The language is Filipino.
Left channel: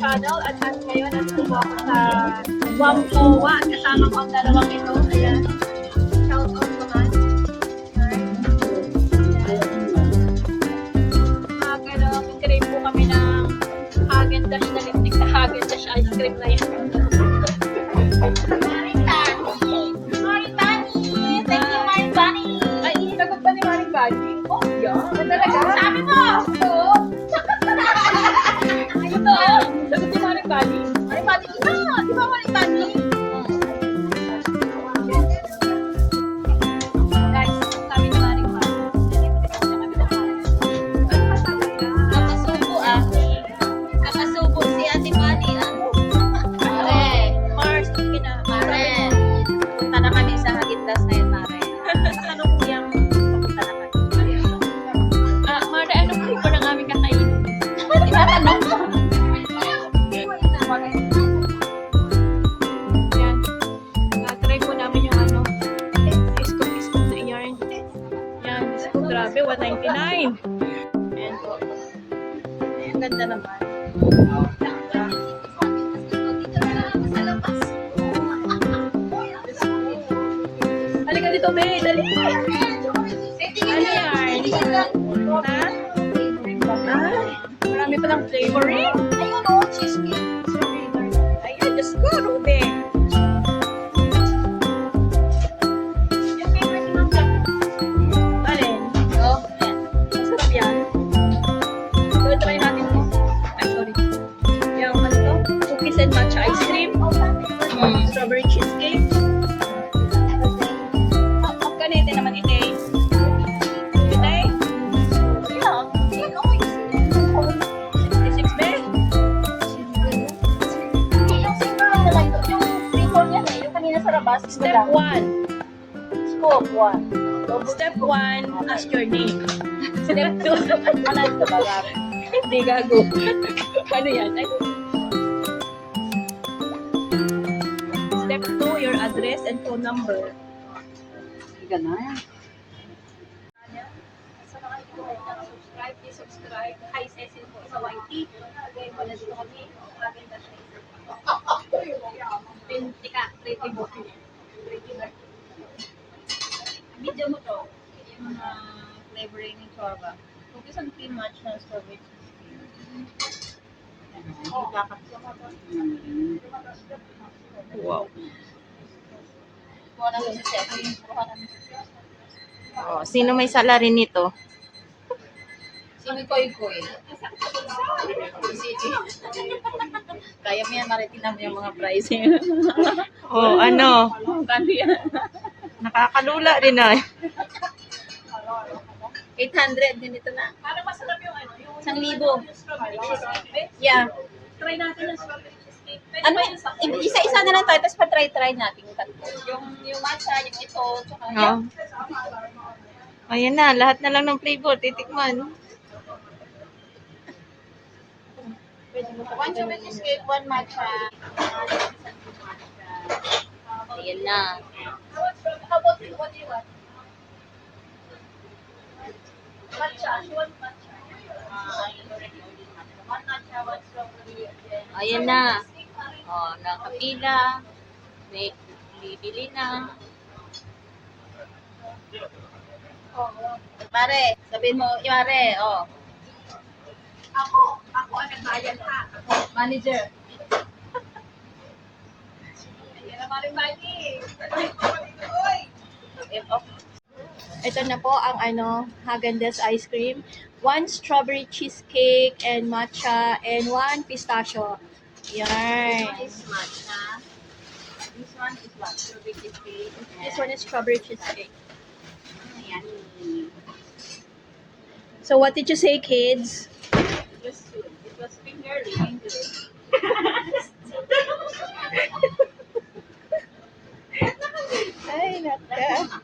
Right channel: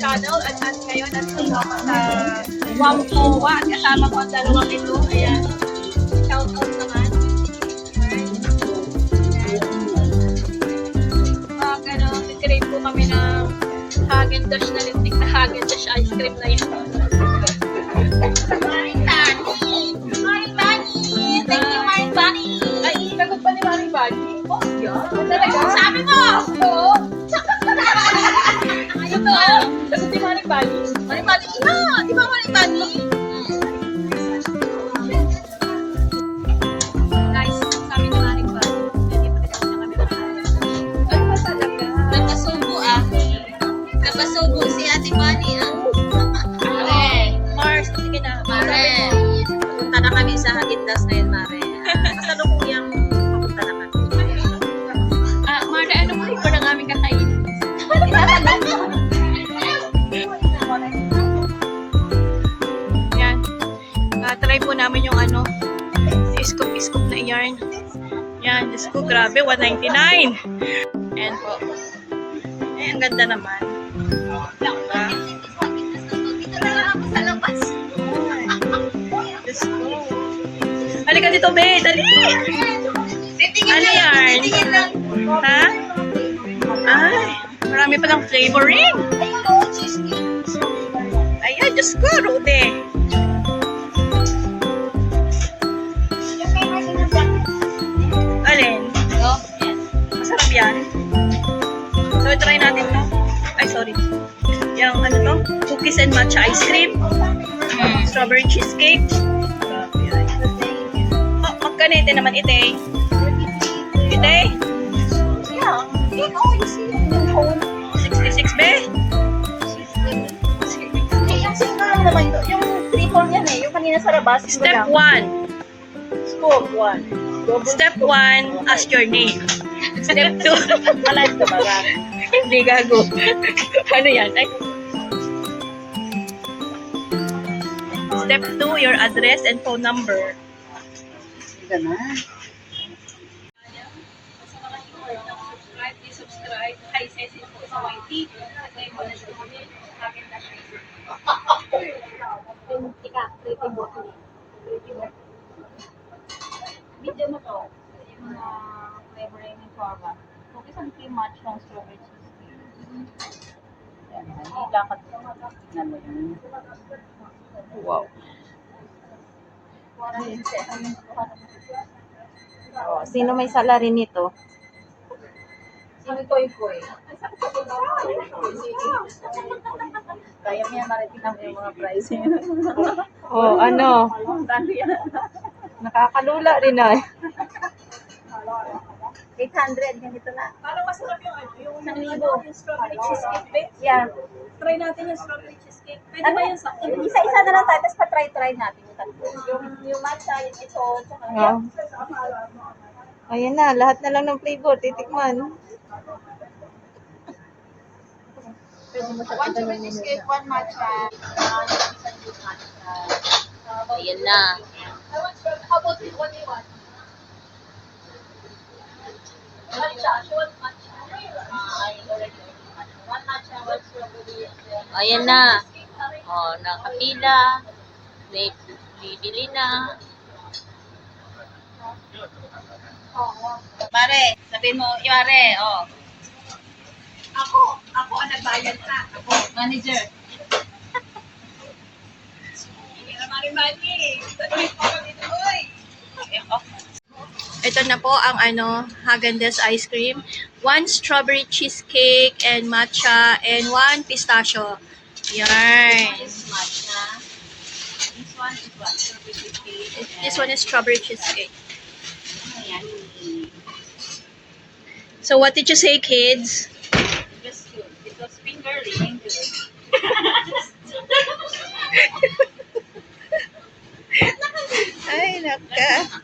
channel at ngayon nandito po ako sa Wampoa at kasama ko ang dalawang ito. Ayan. Shout out naman. Nag-crave po kami ng Häagen-Dazs na lintik na Häagen-Dazs ice cream na yan. Maring Bunny! Thank you, Maring Bunny! Ay, sagot pa ni Maring Bunny? Oh, yeah. Sabi mo! Oo. Ayun to! Sagot ni Maring Bunny? Maring Bunny! Di ba Maring Bunny? Guys, sabi ni Maring Bunny, nandito din ako sa kami ng ano ba talaga? Napasubo Napasubo si Ate Bunny Mare! Mars, sige na. Mare! Punta na kami sa Häagen-Dazs ngayon, Mare. Kasalukuyang papunta na kami. Mara, ano flavor ng aming kakainin? Yan. Try po namin yung ano, scoop na yarn. Yan, scoop, grabe, $1.99. Ayan po. Ay, ang ganda naman. Diba? Dito na lang ako sa labas. Diyos ko. Halika dito, be, dali! Ano yarn? Ha? Ay, marami palang flavoring. Ayun o, cheesecake. Ayan, Diyos ko, Rude. Yung favorite mo dyan. Alin? Oh, yan. Masarap yan. So, try natin to. Ay, sorry. Yung ano to? Cookies and matcha ice cream. Strawberry cheesecake. Oh, magkanete naman ite. Ite? Yeah. Cake, oh, you see. 66 be? Yung single lang naman ito. Yung triple yan eh. Yung kanina sa labas. Step 1. Scoop 1. Step 1, ask your name. Step 2. Alam ko ba? Hindi gago. Ano yan? Ay. Step 2, your address and phone number. Hindi ka na. Sa mga hindi ko subscribe, please subscribe. Hi, Cecil po sa YT. At ngayon po nandito kami. Häagen-Dazs ice cream. Tika, rating mo. Video mo to. Yung flavoring ng chorba. Cookies and cream match ng strawberry cheesecake. Yan. Hindi dapat Wow. Oh, sino may salary nito? Si Koy Koy. Kaya mo yan, maritin mo yung mga pricing. Oh, ano? Gano yan? Nakakalula rin na. 800, ganito na. Parang masarap yung ano, yung 1,000. yung strawberry cheesecake. Yeah. Try natin yung strawberry cheesecake. Pwede Ano ba yun? yun sa Isa-isa na lang tayo, tapos pa-try natin. Yung matcha, yung ito, tsaka Oh. Ayan na, lahat na lang ng flavor, titikman. One strawberry cheesecake, one matcha. Ayan na. How about what do you want? Matcha, she wants matcha. I already ordered matcha. One matcha, one strawberry, and then... Ayan na. Oh, nakapila. May bibili na. Pare, sabihin mo, Pare, oh. Ako ang nagbayad ha. Ako. Manager. Hindi na marimani. Tuloy po ako dito, oy. Oh. Ito na po ang ano, Häagen-Dazs ice cream. 1 strawberry cheesecake and matcha and 1 pistachio. Yarn. This matcha. This one is what? Strawberry cheesecake. This one is strawberry cheesecake. Ayan. So what did you say, kids? It was good. It was finger-licking good. Ay, naka.